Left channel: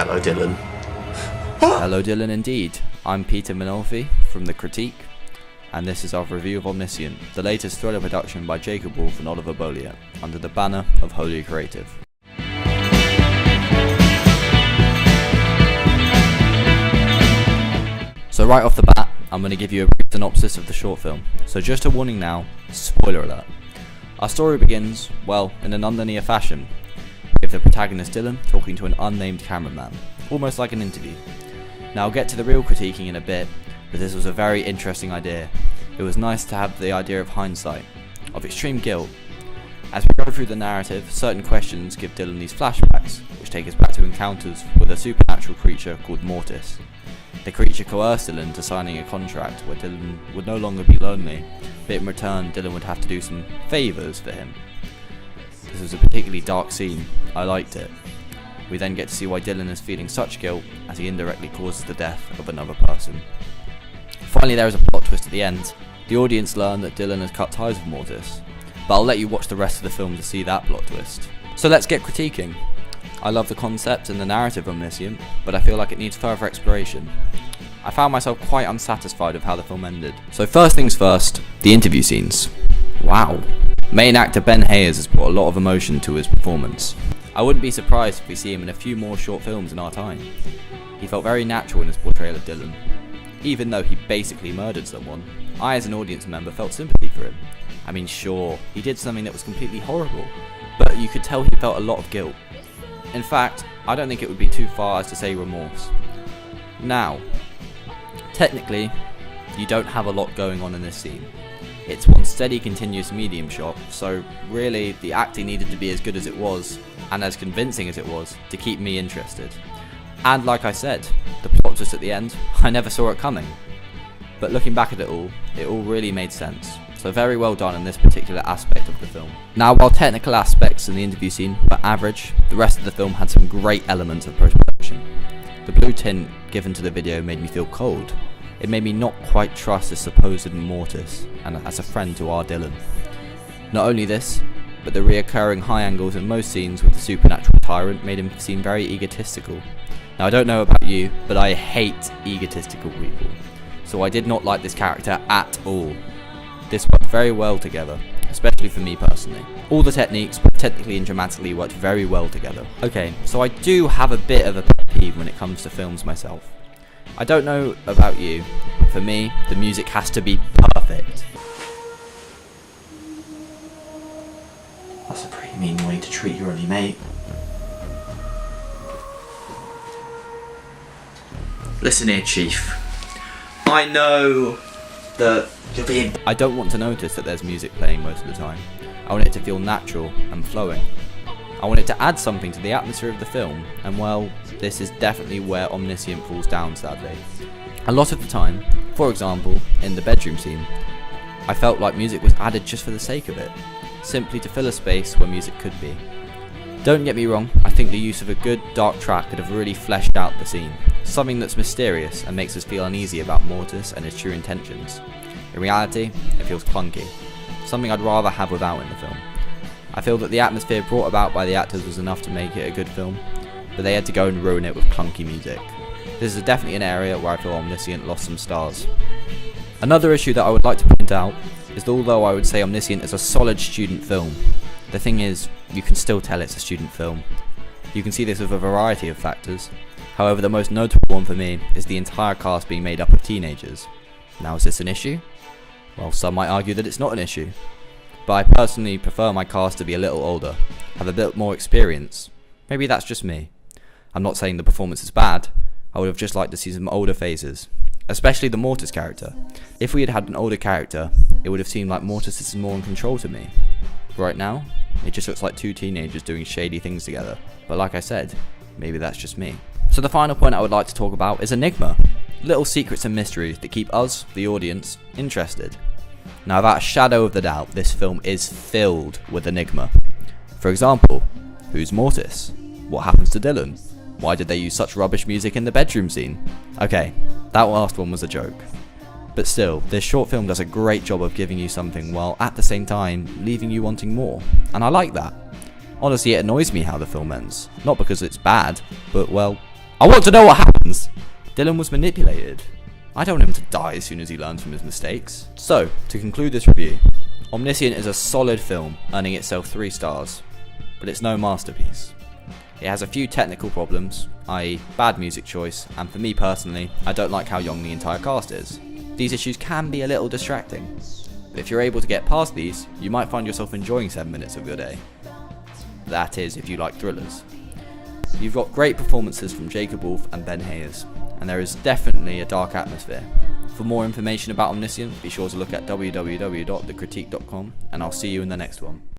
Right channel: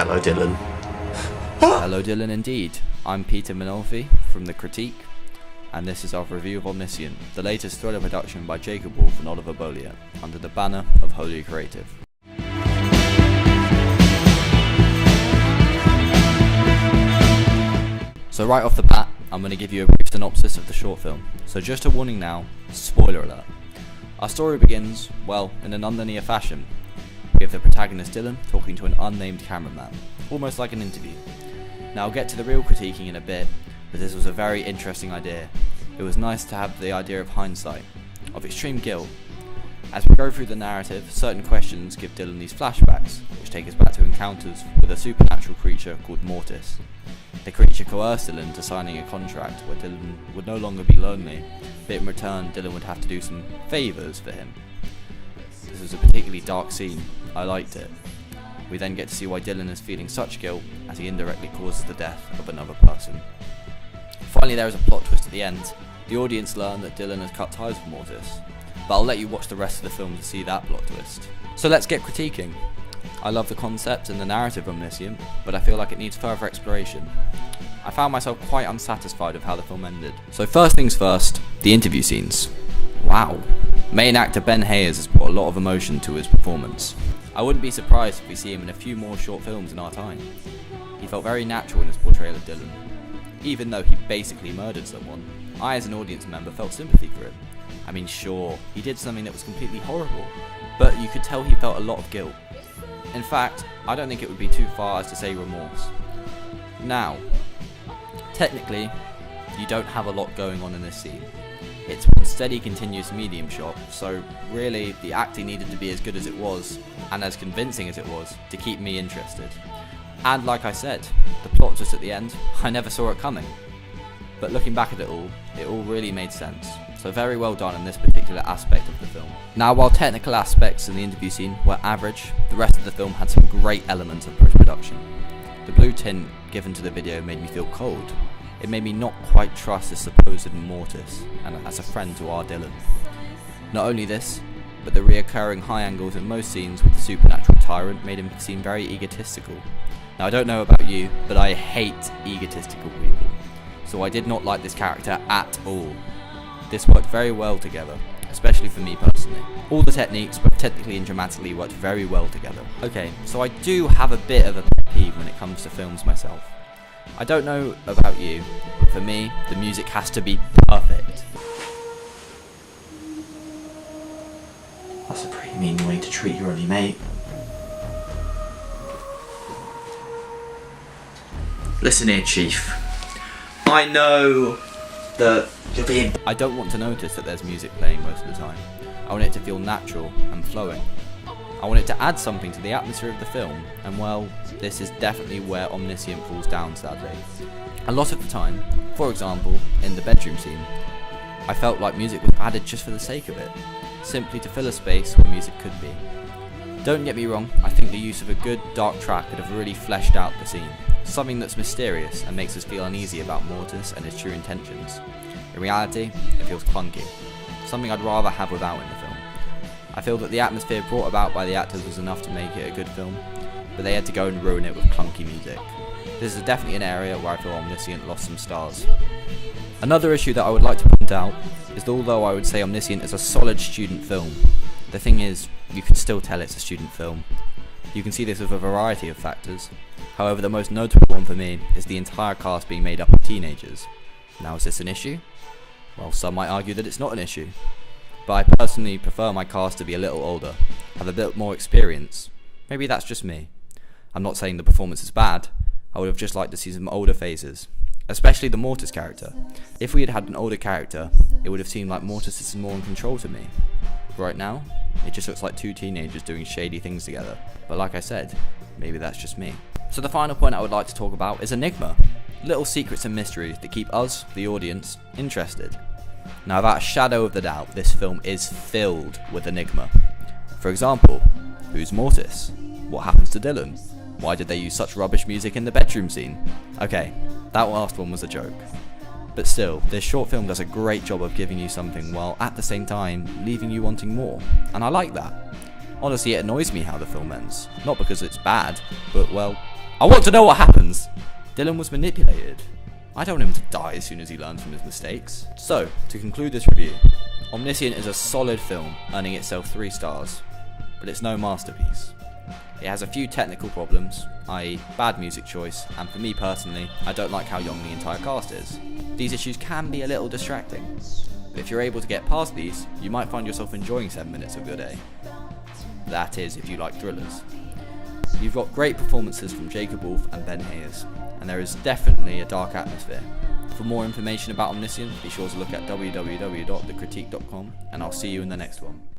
Hello, Dylan. Hello Dylan indeed. I'm Peter Minolfi from The Critique, and this is our review of Omniscient, the latest thriller production by Jacob Wolf and Oliver Bollier, under the banner of Holy Creative. So right off the bat, I'm going to give you a brief synopsis of the short film. So just a warning now, spoiler alert. Our story begins, well, in a nonlinear fashion. We have the protagonist Dylan talking to an unnamed cameraman, almost like an interview. Now I'll get to the real critiquing in a bit, but this was a very interesting idea. It was nice to have the idea of hindsight, of extreme guilt. As we go through the narrative, certain questions give Dylan these flashbacks, which take us back to encounters with a supernatural creature called Mortis. The creature coerced Dylan to signing a contract where Dylan would no longer be lonely, but in return Dylan would have to do some favours for him. This was a particularly dark scene. I liked it. We then get to see why Dylan is feeling such guilt as he indirectly causes the death of another person. Finally, there is a plot twist at the end. The audience learn that Dylan has cut ties with Mortis, but I'll let you watch the rest of the film to see that plot twist. So let's get critiquing. I love the concept and the narrative of Omniscient, but I feel like it needs further exploration. I found myself quite unsatisfied with how the film ended. So first things first, the interview scenes. Wow. Main actor Ben Hayes has brought a lot of emotion to his performance. I wouldn't be surprised if we see him in a few more short films in our time. He felt very natural in his portrayal of Dylan. Even though he basically murdered someone, I as an audience member felt sympathy for him. I mean, sure, he did something that was completely horrible, but you could tell he felt a lot of guilt. In fact, I don't think it would be too far as to say remorse. Now, technically, you don't have a lot going on in this scene. It's one steady continuous medium shot, so really the acting needed to be as good as it was, and as convincing as it was, to keep me interested. And like I said, the plot twist at the end, I never saw it coming. But looking back at it all really made sense. So very well done in this particular aspect of the film. Now while technical aspects in the interview scene were average, the rest of the film had some great elements of post-production. The blue tint given to the video made me feel cold. It made me not quite trust this supposed Mortis, and as a friend to our Dylan. Not only this, but the reoccurring high angles in most scenes with the supernatural tyrant made him seem very egotistical. Now I don't know about you, but I hate egotistical people, so I did not like this character at all. This worked very well together, especially for me personally. All the techniques, both technically and dramatically, worked very well together. Okay, so I do have a bit of a pet peeve when it comes to films myself. I don't know about you, but for me, the music has to be perfect. That's a pretty mean way to treat your only mate. Listen here, Chief. I know that you're being... I don't want to notice that there's music playing most of the time. I want it to feel natural and flowing. I want it to add something to the atmosphere of the film, and well, this is definitely where Omniscient falls down sadly. A lot of the time, for example, in the bedroom scene, I felt like music was added just for the sake of it, simply to fill a space where music could be. Don't get me wrong, I think the use of a good dark track could have really fleshed out the scene, something that's mysterious and makes us feel uneasy about Mortis and his true intentions. In reality, it feels clunky, something I'd rather have without in the film. I feel that the atmosphere brought about by the actors was enough to make it a good film, but they had to go and ruin it with clunky music. This is definitely an area where I feel Omniscient lost some stars. Another issue that I would like to point out is that although I would say Omniscient is a solid student film, the thing is, you can still tell it's a student film. You can see this with a variety of factors. However, the most notable one for me is the entire cast being made up of teenagers. Now, is this an issue? Well, some might argue that it's not an issue. But I personally prefer my cast to be a little older, have a bit more experience. Maybe that's just me. I'm not saying the performance is bad, I would have just liked to see some older faces, especially the Mortis character. If we had had an older character, it would have seemed like Mortis is more in control to me. Right now, it just looks like two teenagers doing shady things together, but like I said, maybe that's just me. So the final point I would like to talk about is enigma. Little secrets and mysteries that keep us, the audience, interested. Now without a shadow of the doubt, this film is filled with enigma. For example, who's Mortis? What happens to Dylan? Why did they use such rubbish music in the bedroom scene? Okay, that last one was a joke. But still, this short film does a great job of giving you something while at the same time leaving you wanting more, and I like that. Honestly, it annoys me how the film ends. Not because it's bad, but well, I want to know what happens. Dylan was manipulated. I don't want him to die as soon as he learns from his mistakes. So, to conclude this review, Omniscient is a solid film, earning itself 3 stars, but it's no masterpiece. It has a few technical problems, i.e. bad music choice, and for me personally, I don't like how young the entire cast is. These issues can be a little distracting, but if you're able to get past these, you might find yourself enjoying 7 minutes of your day. That is, if you like thrillers. You've got great performances from Jacob Wolf and Ben Hayes, and there is definitely a dark atmosphere. For more information about Omniscient, be sure to look at www.thecritique.com, and I'll see you in the next one.